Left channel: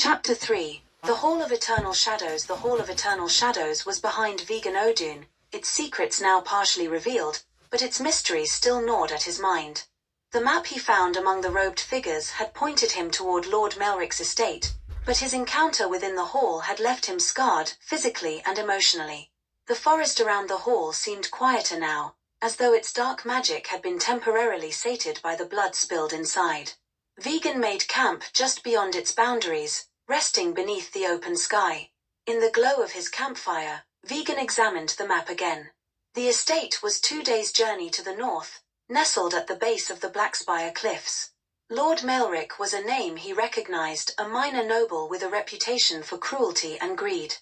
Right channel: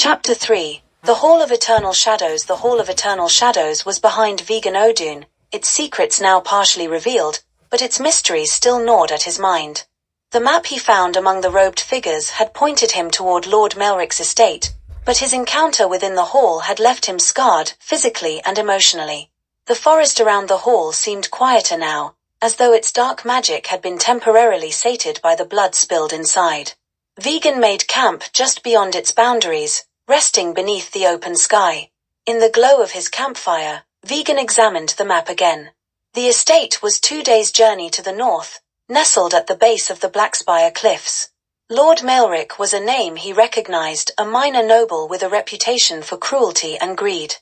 Chapter 3. The Hall of Eternal Shadows. The Hall of Eternal Shadows was behind Vegan Odun, its secrets now partially revealed, but its mysteries still gnawed at his mind. The map he found among the robed figures had pointed him toward Lord Melric's estate, but his encounter within the hall had left him scarred, physically and emotionally. The forest around the hall seemed quieter now, as though its dark magic had been temporarily sated by the blood spilled inside. Vegan made camp just beyond its boundaries, resting beneath the open sky. In the glow of his campfire, Vegan examined the map again. The estate was 2 days' journey to the north, nestled at the base of the Blackspire Cliffs. Lord Melric was a name he recognized, a minor noble with a reputation for cruelty and greed.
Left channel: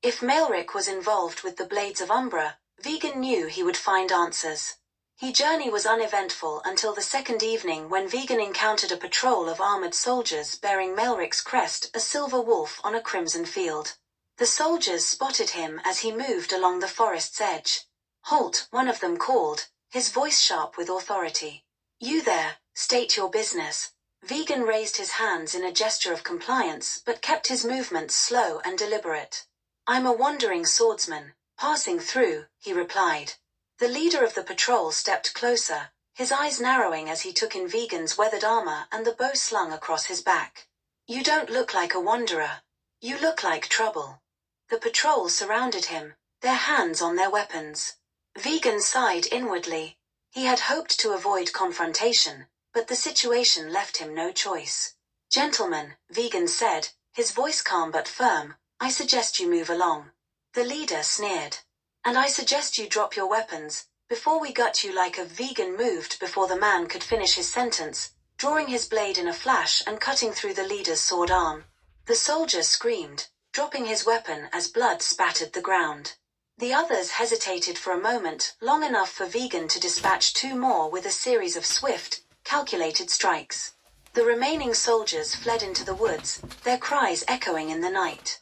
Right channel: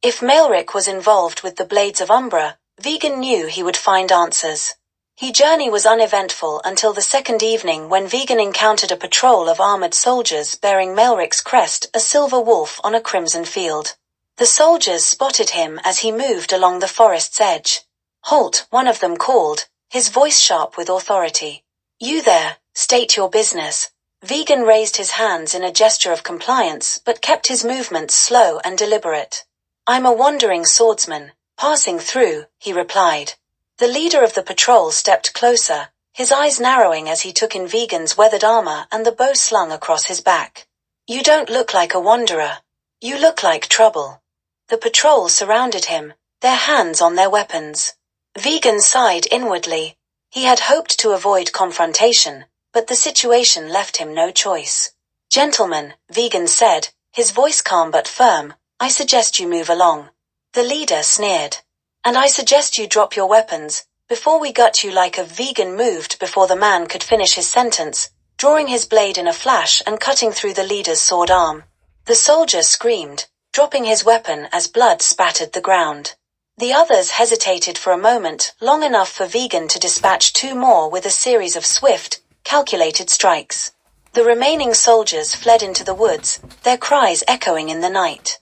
If Melric was involved with the Blades of Umbra, Vegan knew he would find answers. His journey was uneventful until the second evening when Vegan encountered a patrol of armored soldiers bearing Melric's crest, a silver wolf on a crimson field. The soldiers spotted him as he moved along the forest's edge. "Halt," one of them called, his voice sharp with authority. "You there, state your business." Vegan raised his hands in a gesture of compliance but kept his movements slow and deliberate. "I'm a wandering swordsman, passing through," he replied. The leader of the patrol stepped closer, his eyes narrowing as he took in Vegan's weathered armor and the bow slung across his back. "You don't look like a wanderer. You look like trouble." The patrol surrounded him, their hands on their weapons. Vegan sighed inwardly. He had hoped to avoid confrontation, but the situation left him no choice. "Gentlemen," Vegan said, his voice calm but firm, "I suggest you move along." The leader sneered. "And I suggest you drop your weapons, before we gut you like a." Vegan moved before the man could finish his sentence, drawing his blade in a flash and cutting through the leader's sword arm. The soldier screamed, dropping his weapon as blood spattered the ground. The others hesitated for a moment, long enough for Vegan to dispatch 2 more with a series of swift, calculated strikes. The remaining soldiers fled into the woods, their cries echoing in the night.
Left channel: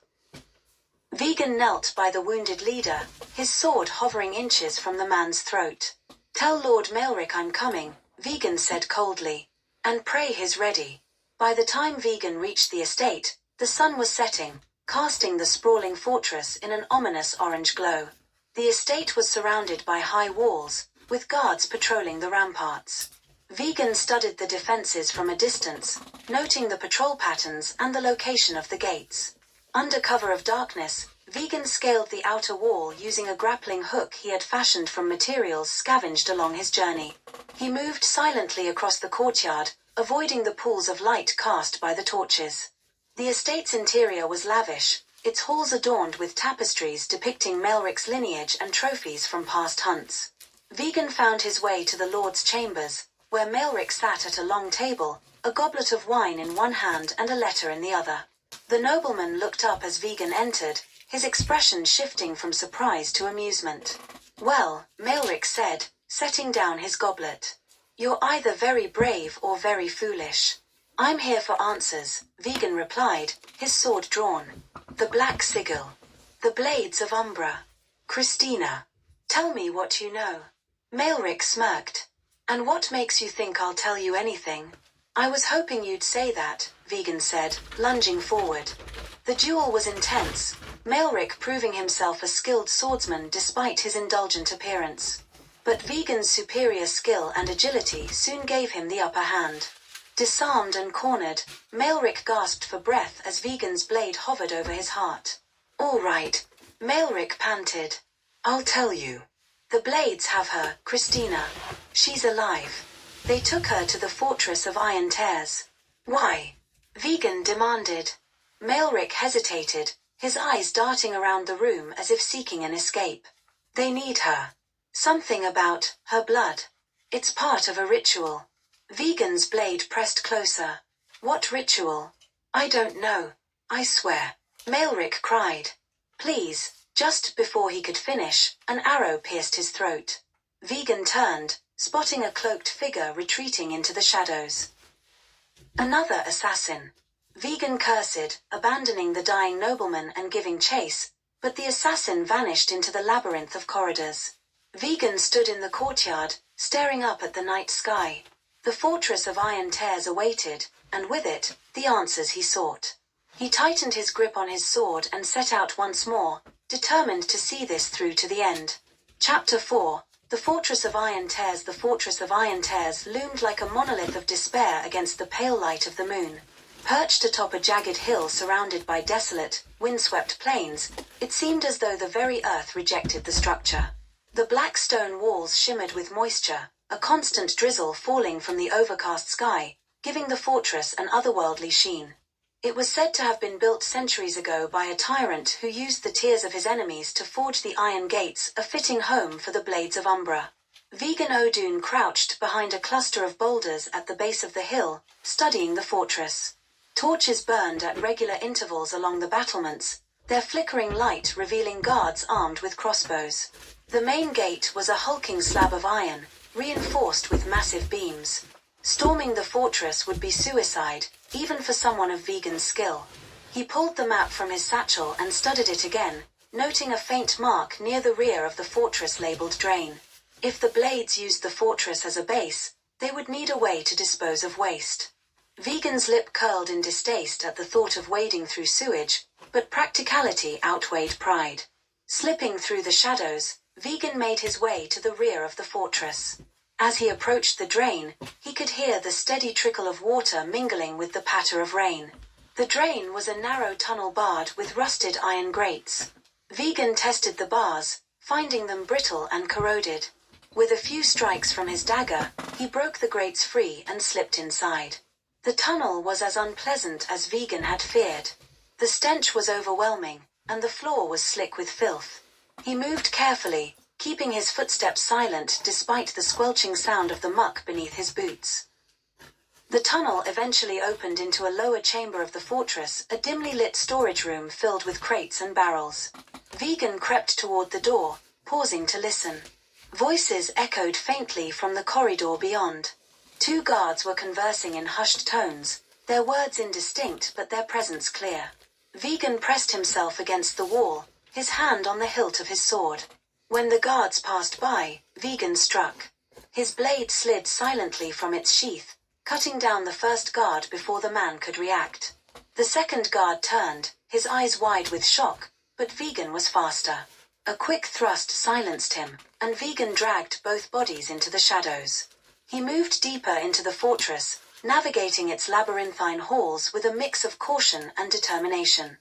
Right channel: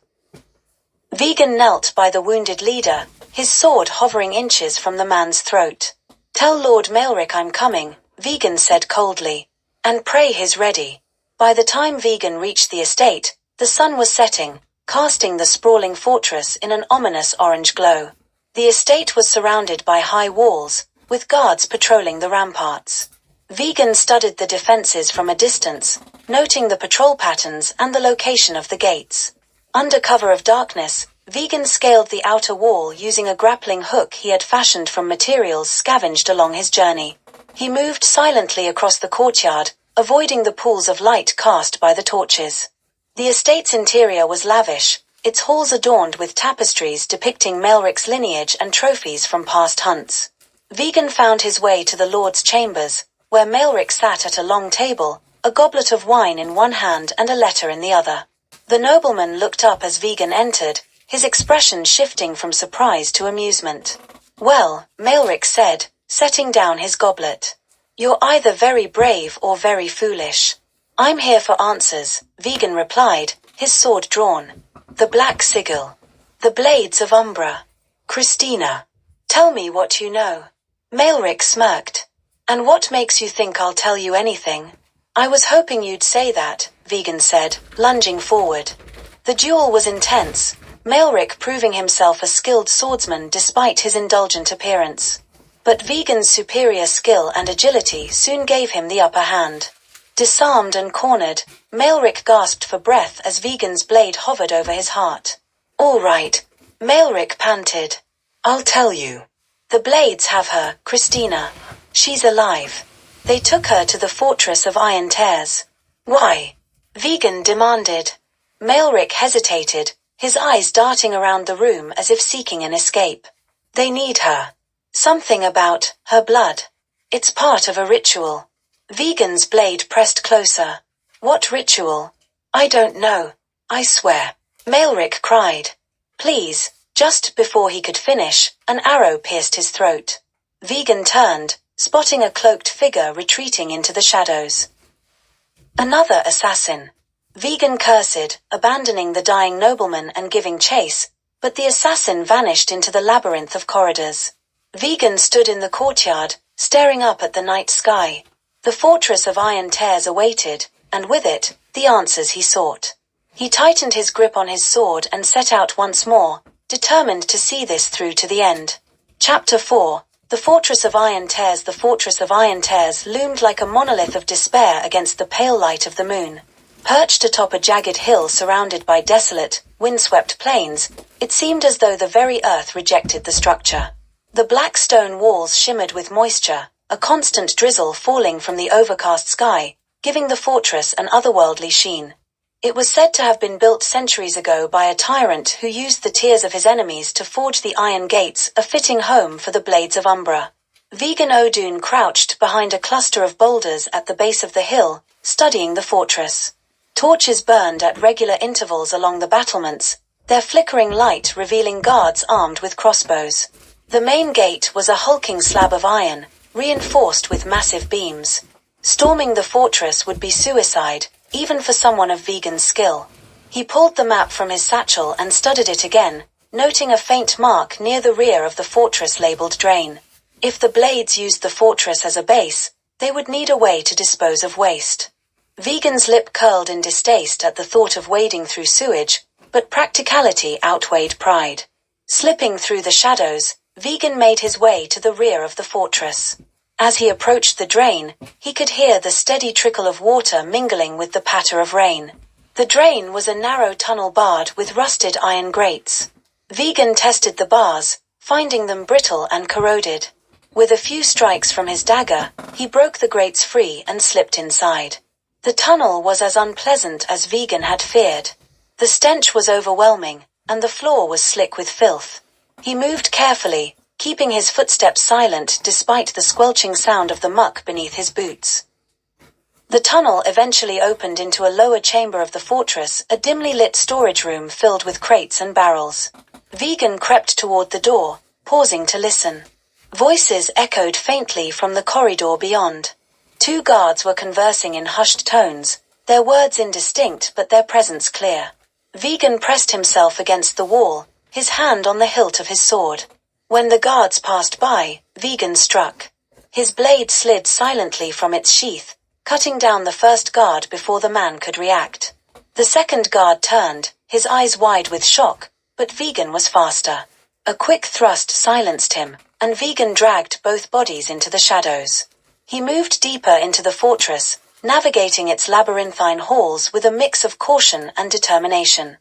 Vegan knelt by the wounded leader, his sword hovering inches from the man's throat. "Tell Lord Melric I'm coming," Vegan said coldly. "And pray he's ready." By the time Vegan reached the estate, the sun was setting, casting the sprawling fortress in an ominous orange glow. The estate was surrounded by high walls, with guards patrolling the ramparts. Vegan studied the defenses from a distance, noting the patrol patterns and the location of the gates. Under cover of darkness, Vegan scaled the outer wall using a grappling hook he had fashioned from materials scavenged along his journey. He moved silently across the courtyard, avoiding the pools of light cast by the torches. The estate's interior was lavish, its halls adorned with tapestries depicting Melric's lineage and trophies from past hunts. Vegan found his way to the Lord's chambers, where Melric sat at a long table, a goblet of wine in one hand and a letter in the other. The nobleman looked up as Vegan entered, his expression shifting from surprise to amusement. "Well," Melric said, setting down his goblet. "You're either very brave or very foolish." "I'm here for answers," Vegan replied, his sword drawn. "The Black Sigil. The Blades of Umbra. Christina. Tell me what you know." Melric smirked. "And what makes you think I'll tell you anything?" "I was hoping you'd say that," Vegan said, lunging forward. The duel was intense, Melric proving himself a skilled swordsman despite his indulgent appearance. But Vegan's superior skill and agility soon gave him the upper hand. Disarmed and cornered, Melric gasped for breath as Vegan's blade hovered over his heart. "All right," Melric panted. "I'll tell you. The Blades have her, Christina. She's alive. They took her to the fortress of Iron Tears." "Why?" Vegan demanded. Melric hesitated, his eyes darting around the room as if seeking an escape. "They need her. Something about her blood. It's part of a ritual." Vegan's blade pressed closer. "What ritual?" "I don't know. I swear." Melric cried. "Please." Just before he could finish, an arrow pierced his throat. Vegan turned, spotting a cloaked figure retreating into the shadows. "Another assassin." Vegan cursed, abandoning the dying nobleman and giving chase, but the assassin vanished into the labyrinth of corridors. Vegan stood in the courtyard, staring up at the night sky. The fortress of Iron Tears awaited, and with it, the answers he sought. He tightened his grip on his sword and set out once more, determined to see this through to the end. Chapter 4. The Fortress of Iron Tears. The Fortress of Iron Tears loomed like a monolith of despair against the pale light of the moon. Perched atop a jagged hill surrounded by desolate, windswept plains, it seemed as though the very earth rejected the structure. The black stone walls shimmered with moisture, a constant drizzle falling from the overcast sky, giving the fortress an otherworldly sheen. It was said to have been built centuries ago by a tyrant who used the tears of his enemies to forge the iron gates, a fitting home for the blades of Umbra. Vegan Odun crouched behind a cluster of boulders at the base of the hill, studying the fortress. Torches burned at regular intervals along the battlements, their flickering light revealing guards armed with crossbows. The main gate was a hulking slab of iron, reinforced with massive beams. Storming the fortress would be suicide, even for someone of Vegan's skill. He pulled the map from his satchel and studied it again, noting a faint mark near the rear of the fortress labeled Drain. If the Blades used the fortress as a base, they would need a way to dispose of waste. Vegan's lip curled in distaste at the thought of wading through sewage, but practicality outweighed pride. Slipping through the shadows, Vegan made his way to the rear of the fortress. As he approached the drain, he could hear the steady trickle of water mingling with the patter of rain. The drain was a narrow tunnel barred with rusted iron grates. Vegan tested the bars, finding them brittle and corroded. With a few strikes from his dagger, he broke the grates free and slipped inside. The tunnel was as unpleasant as Vegan had feared. The stench was overwhelming, and the floor was slick with filth. He moved carefully, keeping his footsteps silent despite the squelching sound of the muck beneath his boots. The tunnel eventually opened into a lower chamber of the fortress, a dimly lit storage room filled with crates and barrels. Vegan crept toward the door, pausing to listen. Voices echoed faintly from the corridor beyond. Two guards were conversing in hushed tones, their words indistinct but their presence clear. Vegan pressed himself against the wall, his hand on the hilt of his sword. When the guards passed by, Vegan struck. His blade slid silently from its sheath, cutting down the first guard before the man could react. The second guard turned, his eyes wide with shock, but Vegan was faster. A quick thrust silenced him, and Vegan dragged both bodies into the shadows. He moved deeper into the fortress, navigating its labyrinthine halls with a mix of caution and determination.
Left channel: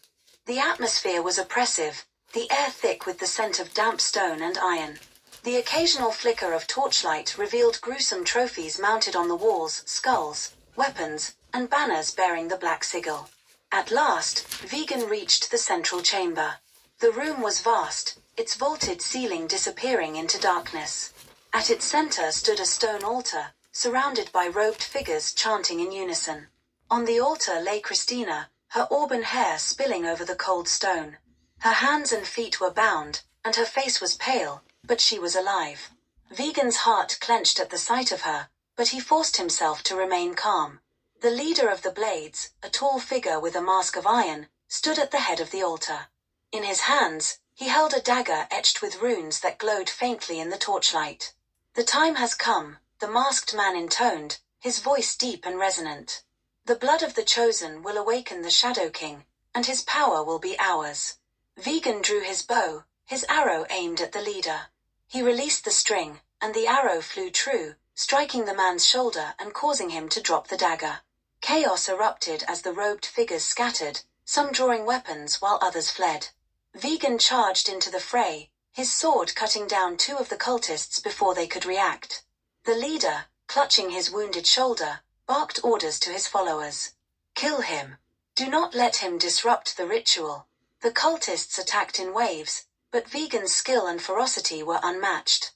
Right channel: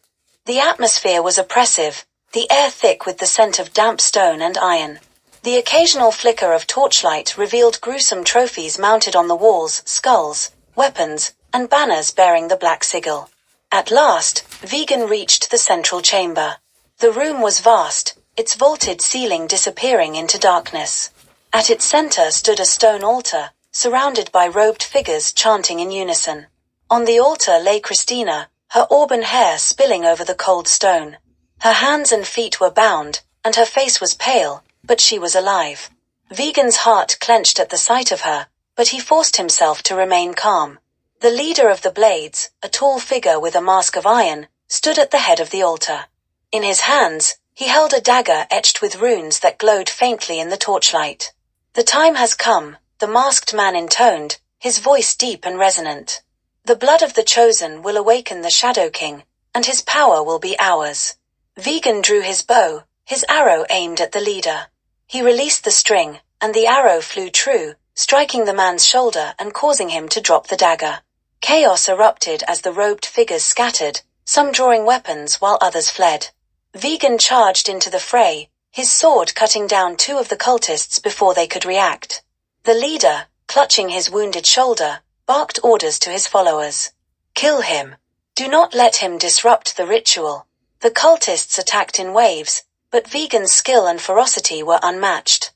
The atmosphere was oppressive, the air thick with the scent of damp stone and iron. The occasional flicker of torchlight revealed gruesome trophies mounted on the walls, skulls, weapons, and banners bearing the black sigil. At last, Vegan reached the central chamber. The room was vast, its vaulted ceiling disappearing into darkness. At its center stood a stone altar, surrounded by robed figures chanting in unison. On the altar lay Christina, her auburn hair spilling over the cold stone. Her hands and feet were bound, and her face was pale, but she was alive. Vegan's heart clenched at the sight of her, but he forced himself to remain calm. The leader of the Blades, a tall figure with a mask of iron, stood at the head of the altar. In his hands, he held a dagger etched with runes that glowed faintly in the torchlight. "The time has come," the masked man intoned, his voice deep and resonant. "The blood of the chosen will awaken the Shadow King, and his power will be ours." Vegan drew his bow, his arrow aimed at the leader. He released the string, and the arrow flew true, striking the man's shoulder and causing him to drop the dagger. Chaos erupted as the robed figures scattered, some drawing weapons while others fled. Vegan charged into the fray, his sword cutting down two of the cultists before they could react. The leader, clutching his wounded shoulder, barked orders to his followers. "Kill him. Do not let him disrupt the ritual." The cultists attacked in waves, but Vegan's skill and ferocity were unmatched.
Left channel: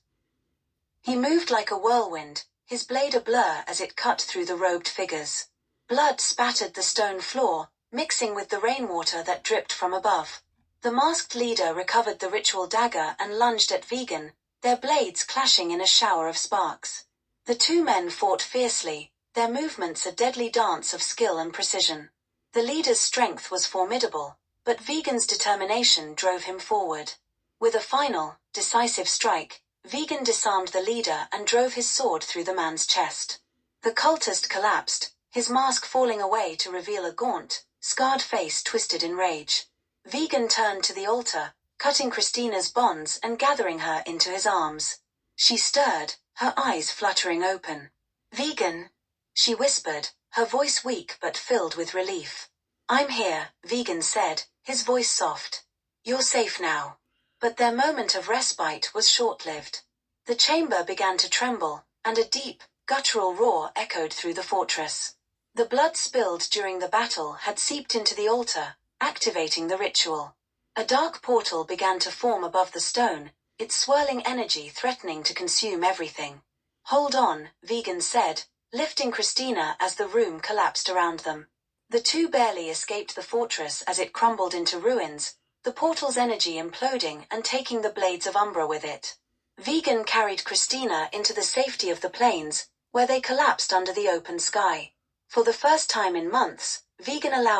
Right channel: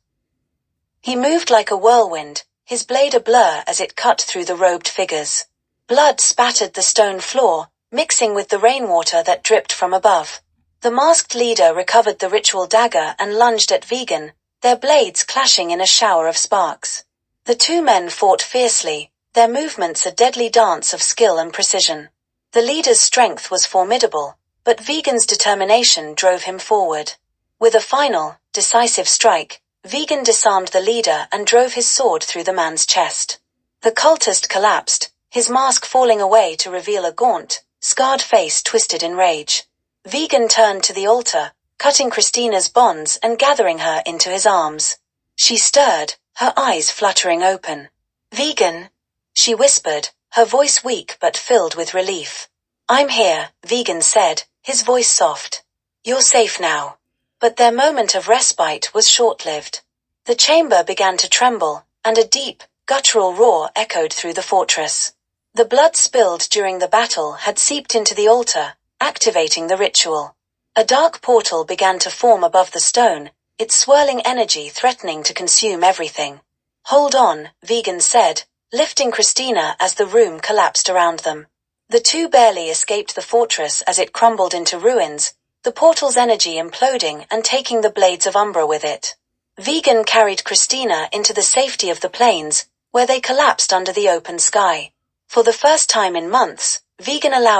He moved like a whirlwind, his blade a blur as it cut through the robed figures. Blood spattered the stone floor, mixing with the rainwater that dripped from above. The masked leader recovered the ritual dagger and lunged at Vegan, their blades clashing in a shower of sparks. The two men fought fiercely, their movements a deadly dance of skill and precision. The leader's strength was formidable, but Vegan's determination drove him forward. With a final, decisive strike, Vegan disarmed the leader and drove his sword through the man's chest. The cultist collapsed, his mask falling away to reveal a gaunt, scarred face twisted in rage. Vegan turned to the altar, cutting Christina's bonds and gathering her into his arms. She stirred, her eyes fluttering open. "Vegan," she whispered, her voice weak but filled with relief. "I'm here," Vegan said, his voice soft. "You're safe now." But their moment of respite was short-lived. The chamber began to tremble, and a deep, guttural roar echoed through the fortress. The blood spilled during the battle had seeped into the altar, activating the ritual. A dark portal began to form above the stone, its swirling energy threatening to consume everything. "Hold on," Vegan said, lifting Christina as the room collapsed around them. The two barely escaped the fortress as it crumbled into ruins, the portal's energy imploding and taking the blades of Umbra with it. Vegan carried Christina into the safety of the plains, where they collapsed under the open sky. For the first time in months, Vegan allowed